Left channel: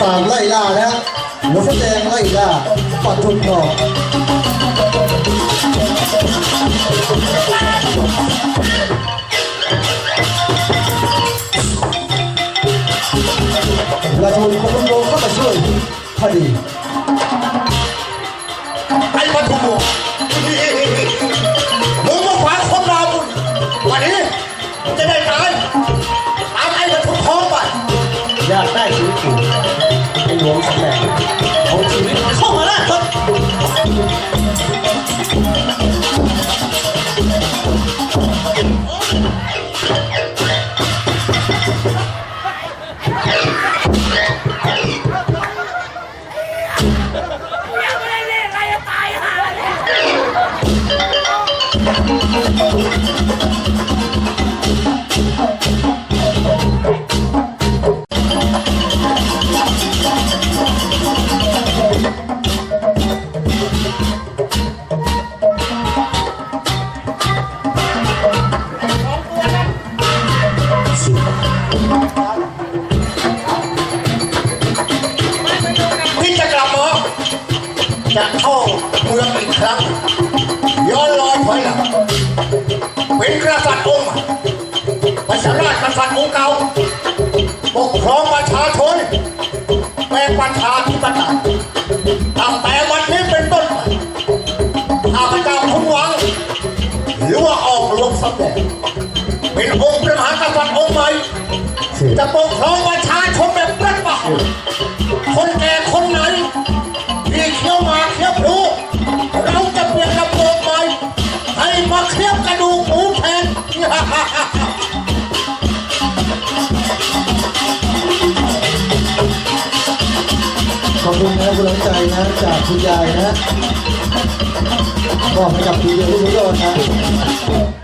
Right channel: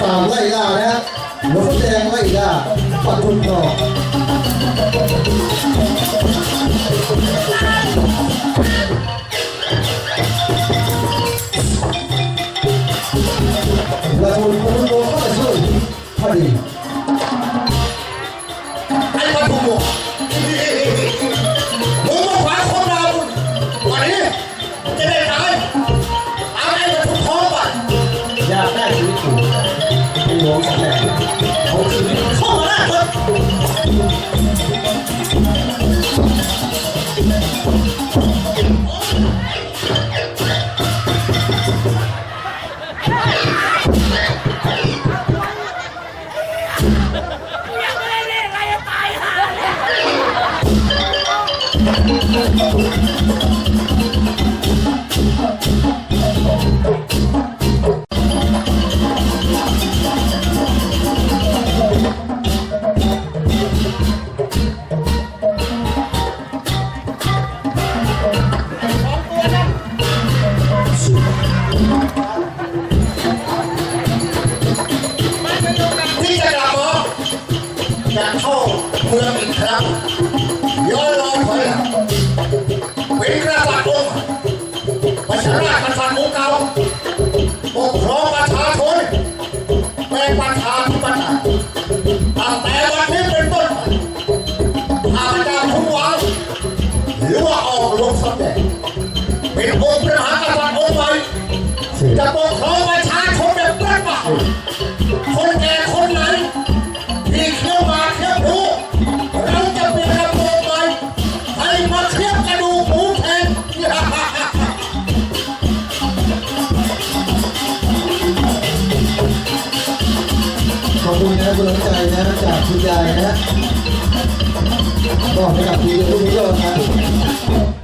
ตามไล่ล่านะฮะหลวแดงไล่ล่าปัดทุนทอง วงสำแดงเอาชีวิตเข้ามาแล้วครับ ปกครองประชาชนเป็นประชาธิปไตยตั้งแต่วันนี้เป็นต้นไปข้าพเจ้าทุกวังหรือว่าออกลงสำแดงเป็นองค์พระมหากษัตริย์องค์ใหม่จะปกครอง อบคุณนะคุณน้ำใจนะจากคุณยายนะบอกให้กับคุณยายทุกคนนะ